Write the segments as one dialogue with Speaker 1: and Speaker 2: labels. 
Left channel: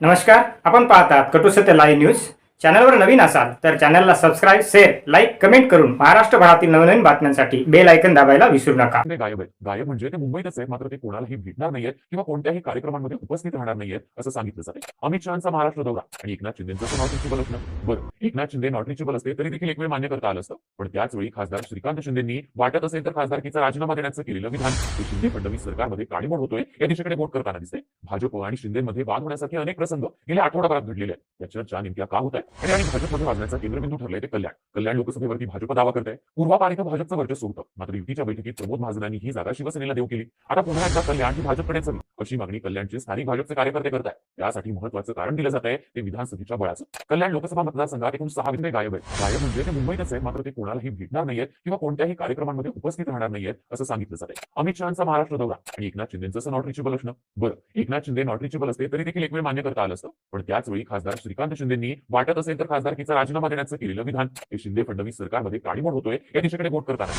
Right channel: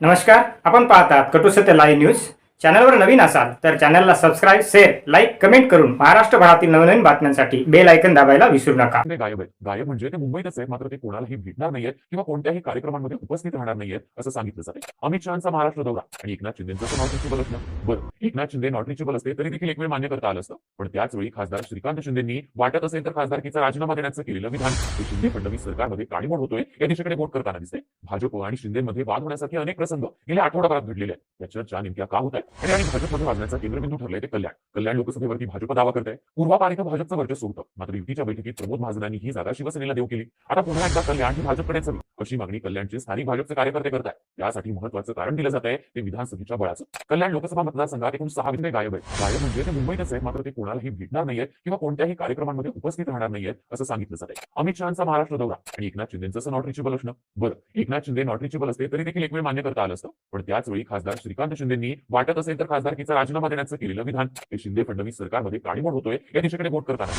Speaker 1: नमस्कार आपण पाहतात कटू लाईव्ह न्यूज. चॅनलवर नवीन असाल तर चॅनलला सबस्क्राईब शेअर लाईक कमेंट करून महाराष्ट्रभरातील नवनवीन बातम्यांसाठी बेल ऐकन दाबायला विसरू नका.
Speaker 2: ते गायब आहेत. गायब म्हणजे ते मुंबईतच आहे मात्र ते कोणालाही भेटणार नाहीयेत किंवा कोणत्याही कार्यक्रमांमध्ये उपस्थित राहणार नाहीयेत असं सांगितलं जाते अमित शहाचा महाराष्ट्र दौरा. आणि एकनाथ शिंदेचं नॉट असलं बरं एकनाथ शिंदे नॉट रिचेबल असते तरी देखील एक वेळ मान्य करता आलं असतं. पण त्याच वेळी खासदार श्रीकांत शिंदेंनी वाटत असेल तर खासदारकीचा राजीनामा देण्याचं केलेलं विधान शिंदे फडणवीस सरकारमध्ये काळीमोड होतोय या दिशेकडे बोट करताना दिसते भाजप आणि शिंदेमध्ये वाद होण्यासाठी अनेक प्रसंग गेल्या आठवडाभरात घडलेले आहेत. त्या चर्चा नेमक्या का होत आहेत? आणि भाजपमध्ये वाजण्याचा केंद्रबिंदू ठरलंय ते कल्याण. कल्याण लोकसभेवरती भाजप दावा करते पूर्वापार इथं भाजपचं वर्चस्व होतं. मात्र युतीच्या बैठकीत प्रमोद महाजनांनी ही जागा शिवसेनेला देऊ केली. आता पुन्हा एकदा कल्याण ही भाजपकडेच हवी अशी मागणी कल्याणचे स्थानिक भाजपचे कार्यकर्ते करता यासाठी महत्वाचं कारण दिलं जात आहे ते विधानसभेच्या बळाचं. कल्याण लोकसभा मतदारसंघात एकूण सहा विषय गायब आहेत. गायब म्हणजे ते मुंबईतच आहे मात्र ते कोणालाही भेटणार नाहीये किंवा कोणत्याही कार्यक्रमांमध्ये उपस्थित राहणार नाहीये असं सांगितलं जाते अमित शहाचा महाराष्ट्र दौरा आणि एकनाथ शिंदेचं नॉट रिचेबल असणं बरं एकनाथ शिंदे नॉट रिचेबल असते तरी देखील एक वेळ मान्य करता आलं असतं. पण त्याच वेळी खासदार श्रीकांत शिंदेंनी वाटत असेल तर खासदारकीचा राजीनामा देण्याचं केलेलं विधान. हे शिंदे फडणवीस सरकारमध्ये काडीमोड होतोय या दिशेकडे बोट करताना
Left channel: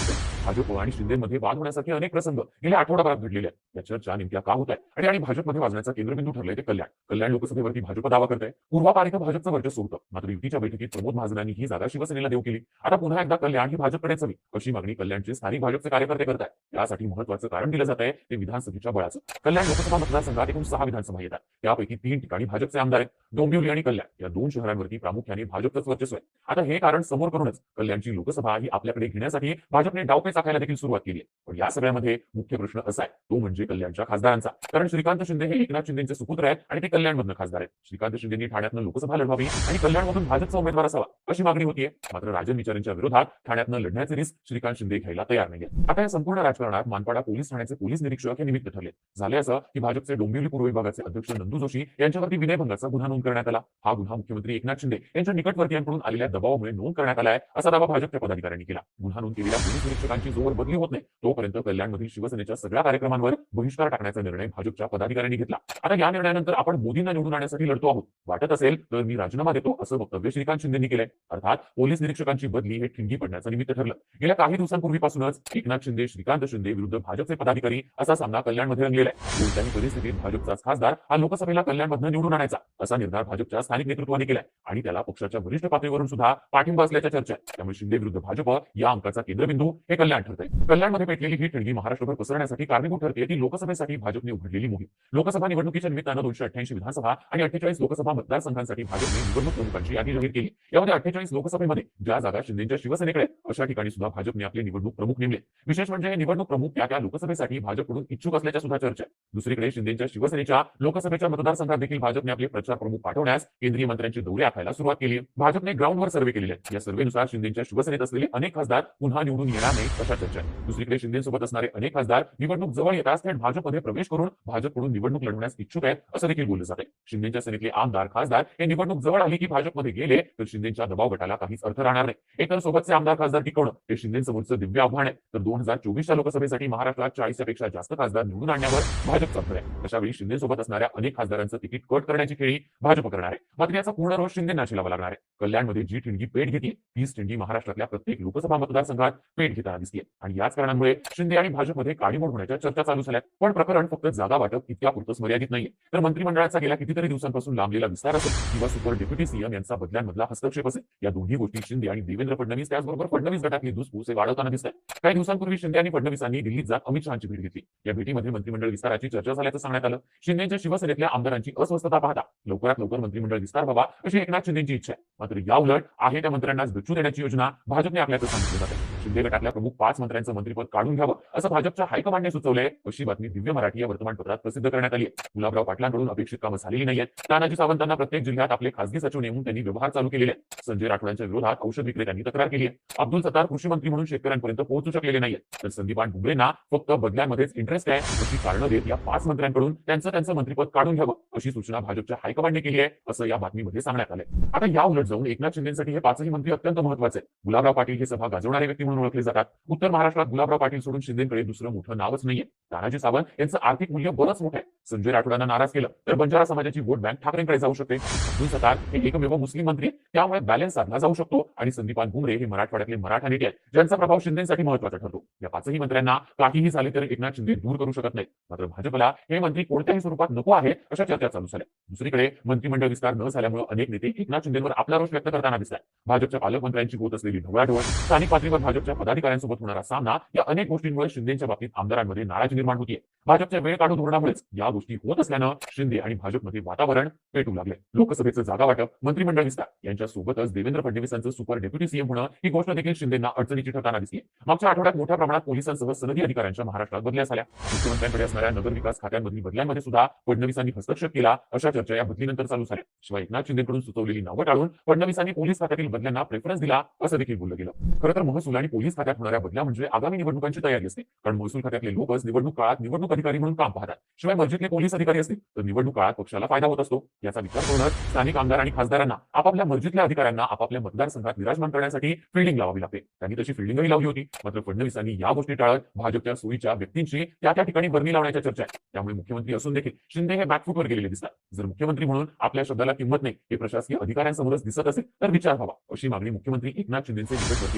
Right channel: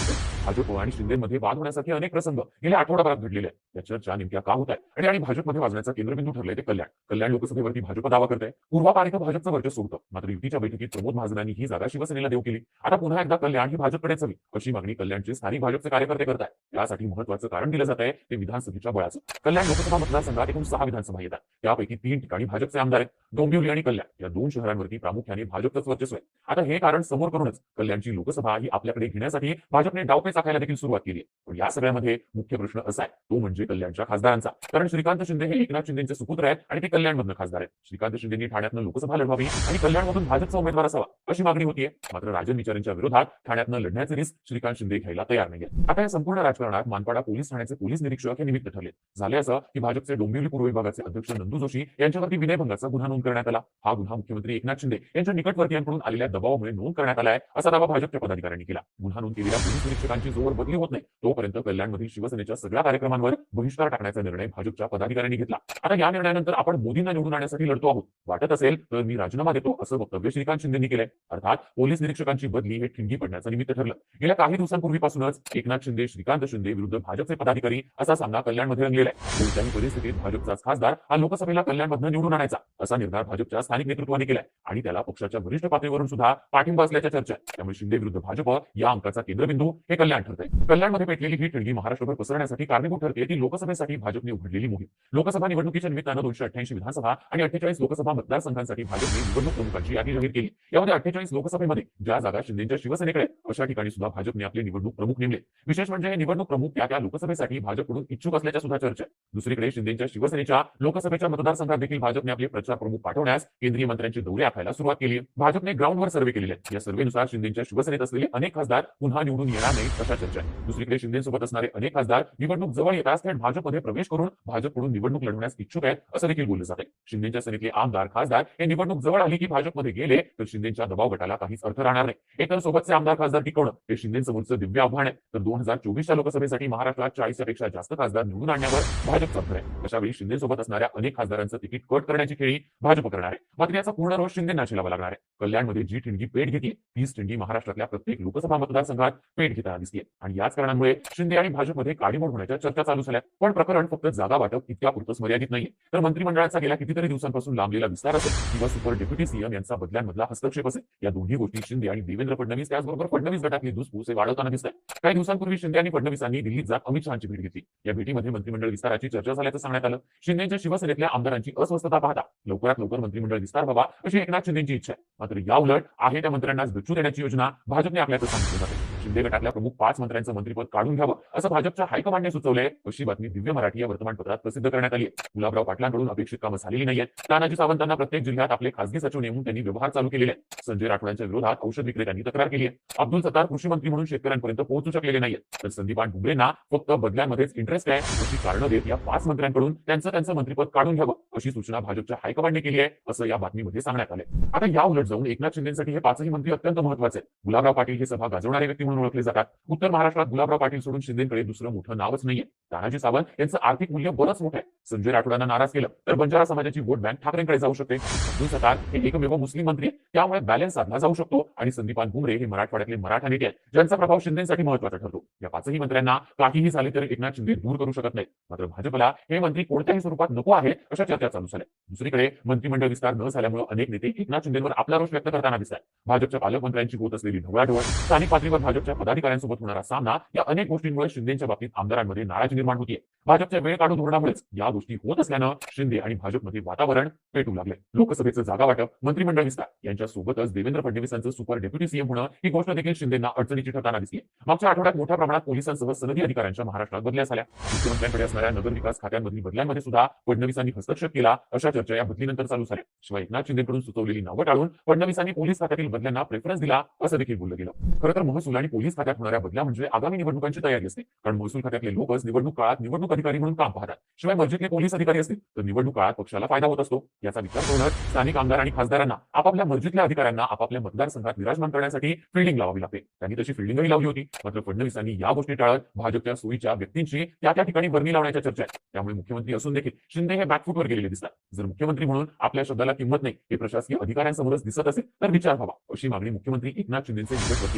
Speaker 2: भाजप आणि शिंदेमध्ये वाद होण्यासाठी अनेक प्रसंग गेल्या आठवडाभरात घडलेले आहेत. त्या चर्चा नेमक्या का होत आहे आणि भाजपमध्ये वाजण्याचा केंद्रबिंदू ठरलाय ते कल्याण. कल्याण लोकसभेवरती भाजप दावा करते पूर्वापार इथं भाजपचं वर्चस्व होतं. मात्र युतीच्या बैठकीत प्रमोद महाजनांनी ही जागा शिवसेनेला देऊ केली. आता पुन्हा एकदा कल्याण ही भाजपकडेच हवी अशी मागणी कल्याणचे स्थानिक भाजपचे कार्यकर्ते करत आहेत त्यासाठी महत्वाचं कारण दिलं जात आहे ते विधानसभेच्या बळाचं. कल्याण लोकसभा मतदारसंघात एकूण सहा विधानसभा येतात. त्यापैकी तीन ठिकाणी भाजपचे आमदार आहेत. डोंबिवली आणि कल्याण. या दोन शहरांवरती प्रामुख्याने भाजपचंच वर्चस्व आहे. आता हे कारण समोर करूनच कल्याणची लोकसभा ही आपल्याकडे घेण्यासाठी भाजपने डावपे चाखायला देखील सुरुवात केली आहे. पण या सगळ्यामध्ये मुख्य प्रश्न असा आहे. तो म्हणजे कल्याणच्या खासदारांचा. कारण श्रीकांत शिंदे हे एकनाथ शिंदेचे सुपुत्र आहेत आणि ते कल्याणमधून खासदार आहेत. श्रीकांत शिंदेनी ठाण्यातनं लोकसभा लढवावी आणि कल्याणमधून भाजपचा उमेदवार असावा अशी मागणी होतीये. मात्र राजन विचारांच्या विरोधात ठाण्यातनं लढण्याचे रिस्क श्रीकांत शिंदे घ्यायला तयार नाहीये आता या संपूर्ण राजकारणात मानपाडा पोलीस ठाण्याचे पोलीस निरीक्षक हे निमित्त ठरले झाले असं की भाजपचे डोंबिवली पूर्व विभागाचे अध्यक्ष नंदू जोशी यांच्यावरती विनय भंगाचा गुन्हा नोंद करण्यात आला. हा गुन्हा मुख्यमंत्री एकनाथ शिंदे यांच्या निकटवर्तीयांकडून आलेल्या दबावामुळे नोंद करण्यात आला आहे असा दावा भाजपच्या पदाधिकाऱ्यांनी केला. गुन्हा नोंद केलेल्या पोलीस निरीक्षकांची जोर बदली होत नाही. तोपर्यंत कल्याणमधील शिवसेनेच्या सगळ्या कार्यक्रमांवर बहिष्कार टाकण्याचा निर्णय भाजपच्या पदाधिकाऱ्यांनी घेतला. आता या निर्णयानंतर आपण मोदींना निवडून आणण्यासाठी लढतो आहोत. वाटत असेल तर मी राजीनामा देतो असं वक्तव्य श्रीकांत शिंदेनी केले अर्थात पोलीस निरीक्षकांची बदली हे ठिणगी पडण्याचं निमित्त ठरलं. गेल्या काही दिवसांपूर्वीपासूनच एकनाथ शिंदे श्रीकांत शिंदे विरुद्ध भाजपचे पदाधिकारी असा सामना कल्याणमध्ये रंगलेला आहे. कोणत्याही परिस्थितीत भाजपचाच खासदार हा लोकसभेला कल्याणमधनं निवडून आणायचा असा निर्धार भाजपच्या स्थानिक नेतृत्वाने केलाय. आणि त्याला पक्षाच्या वरिष्ठ पातळीवरून सुद्धा पाठिंबा असल्याच्या चर्चा आहे त्यामुळे शिंदे विरुद्ध भाजप या अंकाचा केंद्रबिंदू हे कल्याण ठरते कल्याणमध्ये पेटलेली ही ठिणगी महाराष्ट्रभर पसरण्यासाठी कारणीभूत ठरते ती लोकसभेसाठी भाजपने उघडलेली मोहीम. लोकसभा निवडणुकीच्या निमित्तानं दोनशे अठ्ठ्याऐंशी विधानसभा आणि अठ्ठेचाळीस लोकसभा मतदारसंघांसाठी भाजपने निवडणूक प्रमुखांची यादी जाहीर केली. यामध्ये अठ्ठेचाळीस लोकसभेमध्ये ज्या जागा शिंदेच्या शिवसेनेकडे अशा ठिकाणी सुद्धा भाजपने आपले निवडणूक प्रमुख नेमले. विशेष म्हणजे निवडणूक प्रमुख त्या त्या लोकसभेसाठी भाजपकडून इच्छुक असल्याच्या सुद्धा चर्चा दुसरीकडे शिंदेच्या शिवसेनेच्या लोकसभेच्या मतदारसंघात देखील भाजपने आपले प्रचार प्रमुख पाठवण्यास केंद्रीय मंत्र्यांचे दौरे आखायला सुरुवात केली. भाजपने ग्राउंडवर सर्व्हे केलेले या सर्व्हेनुसार शिंदेच्या शिवसेनेत असलेले अनेक खासदार पुन्हा निवडून येणार नाही अशा चर्चा दुसरीकडे शिंदेसोबत असणारे अनेक खासदार निवडणूक जवळ येताच थेट भाजपमध्ये प्रवेश करून भाजपकडून निवडणूक लढवण्यास इच्छुक आहेत असं देखील बोललं जाते शिंदेच्या सेनेतले आमदार खासदार हे निवडणूक जवळ आली की भाजपमध्ये गेले तर शिंदेच्या दबाव गटाला काहीच अर्थ राहणार नाही. एकतर सोबतचे आमदार खासदार टिकवणं हे शिंदेसमोरचं दिव्य आव्हान आहे. तर दोन हजार चोवीसच्या लोकसभेसाठी महाराष्ट्रात चाळीसपेक्षा जास्त खासदार निवडून आणण्यावर भाजप भर आहे. अशा शिंदेसोबत असणाऱ्या अनेक खासदारांचं तिकीट कट करण्याची खेळी भाजप करणार आहे. मात्र याचा पूर्ण रोष शिंदेना लावा लागणार आहे. कल्याणमध्ये जी ठिणगी पेट घेते तीच ठिणगी महाराष्ट्रातल्या प्रत्येक लोकसभा मतदारसंघात पेट घेताना दिसते आणि याच कारणामुळे शिंदे आणि भाजपमध्ये काडीमोड होण्याच्या चर्चा चालू झाल्या पण प्रकरण फक्त जागा वाटप इतक्या पुरतच मर्यादित नाहीये. तर मंत्रिमंडळाचा गेल्या कितीतरी दिवसांपासून लांबलेला विस्तार असेल किंवा सुपर डेप्युटी सीएम यांचा बदल्यांमधला हस्तक्षेप असेल या दोन्ही गोष्टी शिंदे आणि देवेंद्र फडणवीस त्याचबरोबर फडणवीस गटातली दुसपूस हे वाढवताना दिसत आहे काही दिवसांपूर्वी शिंदे आणि फडणवीसांनी दिल्लीत जात अमित शहाची भेट घेतली. या भेटीमध्ये मंत्रिमंडळ विस्ताराची चर्चा झाल्याचं सांगण्यात आलं. शिंदेच्या शिवसेनेतल्या आमदारांची अस्वस्थता पाहता लवकरात लवकर मंत्रिमंडळ विस्तार व्हावा अशी एकनाथ शिंदेची इच्छा आहे मात्र या उलट आहे त्या मंत्र्यांनाच डच्चू देण्याची योजना भाजपने आखल्याचं सांगितलं आहे. शिंदे गटातल्या प्रमुख पाच मंत्र्यांचं मंत्रिपद काढून घ्यावं असं भाजपच्या हायकमांडने सुचवलंय. अशी बातमी दिव्य मराठी या वर्तमानपत्रात प्रसिद्ध करण्यात आली आहे. गुलाबराव पाटलांकडून अपेक्षित कामं झालेली नाहीयेत. तानाजी सावंतांना प्रत्येक जिल्ह्यात आपले खासगी सचिव नेमून त्यांनी व्यवहार चालू केलेले आहेत. संजय राठोडांच्या विरोधात औषध विक्रेत्यांनी तक्रार केली आहे. अब्दुल सत्तार कृषी मंत्री म्हणून शेतकऱ्यांपर्यंत पोहोचू शकलेले नाहीयेत. तर संदीपान डुंबरेंना फक्त बदल्यांमध्येच इंटरेस्ट आहे. अशी कारणं देत या पाच मंत्र्यांकडून त्यांचं त्यांचं मंत्रिपद काढून घ्यावं अशी सूचना भाजपच्या हायकमांडने केली आहे असं या बातमीमध्ये सांगण्यात आलंय. आता या उलट जाऊन एकनाथ शिंदेसाठी हे पाचही मंत्री अत्यंत महत्त्वाचे आहेत. गुलाबराव पाटील हे सभा गाजवणारे व्यक्ती म्हणून ओळखले जातात. उत्तर महाराष्ट्रात गुलाबराव पाटील सोडून शिंदेकडे दुसरं मोठं नावच नाहीये. तानाजी सावंत यांचं आर्थिक मूल्य बरंच मोठं आहे. संजय राठोडांना नाराज केलं तर बंजारा समाजाची वोट बँक ठाकरेंकडे जाऊ शकते. अब्दुल हे एकमेव मुस्लिम मंत्री त्यामुळे बॅलन्स साधला जाऊ शकतो आणि संदीपान भुमरे हे मराठवाड्यातले मराठा नेते आहेत ज्यांचा प्रभाव शिंदेसाठी महत्त्वाचा ठरतो. या पाचही मंत्र्यांना काहीही झाले तरी एकनाथ शिंदे दूर करू शकत नाही मात्र भाजपला हे मंत्री कोणत्याही स्वरूपात नको आहे अशा चर्चा चालू झाल्या. दुसरीकडे मंत्रिमंडळ विस्तार न झाल्यामुळे अनेक नेते एकनाथ शिंदेवर आपला रोष व्यक्त करताना दिसतात. भाजपच्या पालकमंत्र्यांची होत असलेली ढवळाढवळ स्थानिक पातळीवर भाजपच्या पदाधिकाऱ्यांसोबत होणारा सामना या अनेक गोष्टींमुळे शिंदेच्या बाबतीत आमदारांमध्ये नाराजी निर्माण होतीये. भाजपच्या वेळ काढून धोरणामुळेच या गोष्टी होत असल्यानं शिंदे आणि भाजपमध्ये वातावरण पेटू लागले लोकसभेचं जागा वाटप मंत्रिमंडळ विस्तार यांच्या सोबतच देवेंद्र फडणवीसांचं सुपर डेप्युटी सीएम होणं ही गोष्ट देखील शिंदेना अडचणीची ठरताना दिसली मागच्या आठवड्यात मोठ्या प्रमाणात पोलिसांसह सनदी अधिकाऱ्यांच्या महाराष्ट्रात बदल्या झाल्या. मुख्यमंत्र्यांकडे असणाऱ्या नगरविकास खात्यांमधील बदल्यांमध्ये सुद्धा फडणवीसांनी हस्तक्षेप केला. अशा चर्चा या बदलीनंतर चालू झाल्या. शिवाय एकनाथ शिंदेकडून सुचवलेली नावं टाळून फडणवीसांनी पोलीस खात्यातील बदल्यांना प्रेफरन्स दिला असं देखील बोललं गेलं. खरं तर महसूल आणि पोलीस खात्यात होणाऱ्या बदल्या म्हणजे आगामी निवडणुकांची तयारी असते. कारण महसूल खात्यातले लोकच निवडणूक काळात निवडणूक अधिकारी म्हणून काम पाहतात. शिवाय मस्जिदले पोलीस अधिकारी असतील तर निवडणूक काळात पक्षाला फायदा होत असतो. याचा विचार करूनच स्थानिक आमदार आणि खासदारांना आपापल्या मस्जिदल्या अधिकाऱ्यांना आपापल्या मतदारसंघात विराजमान करण्यासाठी फिल्डिंग लावावी लागते. त्यांनी तशी फिल्डिंगही लावली होती. मात्र फडणवीसांनी या गोष्टी टाळत भाजपच्या सोयीच्या व्यक्तींची त्या त्या ठिकाणी बरणी लावण्याच्या चर्चा आहे त्यामुळे मुख्यमंत्री असून देखील शिंदे हे बॅकफूटवर गेलेले दिसतात. जर मुख्यमंत्री म्हणून आपल्या शब्दाला किंमत नाही हे प्रशासकीय अधिकाऱ्यांसमोरच दिसत असेल तर विचार व्हावा. अशी मागणी मुख्यमंत्री एकनाथ शिंदेचे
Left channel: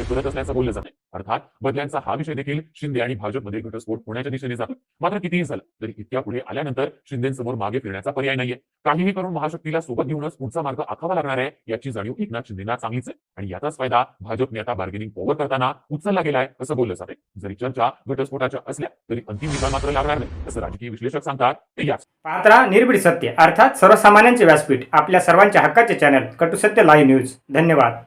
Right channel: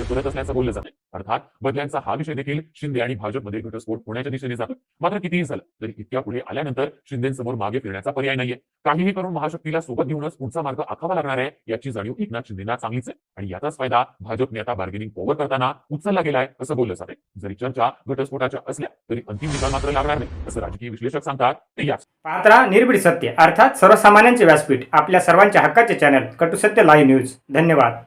Speaker 2: करत असल्याचं बोललं जाते अर्थात बदल्यांचा हा विषय देखील शिंदे आणि भाजपमध्ये घटस्फोट होण्याच्या दिशेने झालं मात्र कितीही झालं तरी इतक्या पुढे आल्यानंतर शिंदेसमोर मागे फिरण्याचा पर्याय नाहीये. काहीही करून महाशक्तीला सोबत घेऊनच पुढचा मार्ग आखावा लागणार आहे याची जाणीव एकनाथ शिंदेना चांगलीच आहे. आणि याचाच फायदा भाजपने आता बार्गेनिंग पॉवर करताना उचलला गेलाय असं बोललं जाते जरी चर्चा घटस्फोटाच्या असल्या तरी अंतिम निकाल मात्र लागणार नाही असं राजकीय विश्लेषक सांगतात ते याच.
Speaker 1: पात्रा निर्भीड सत्य. अर्थात सर्वसामान्यांचे व्यासपीठ. आपल्या सर्वांच्या हक्काचे चॅनल कटुसत्य लाईव्ह न्यूज धन्यवाद.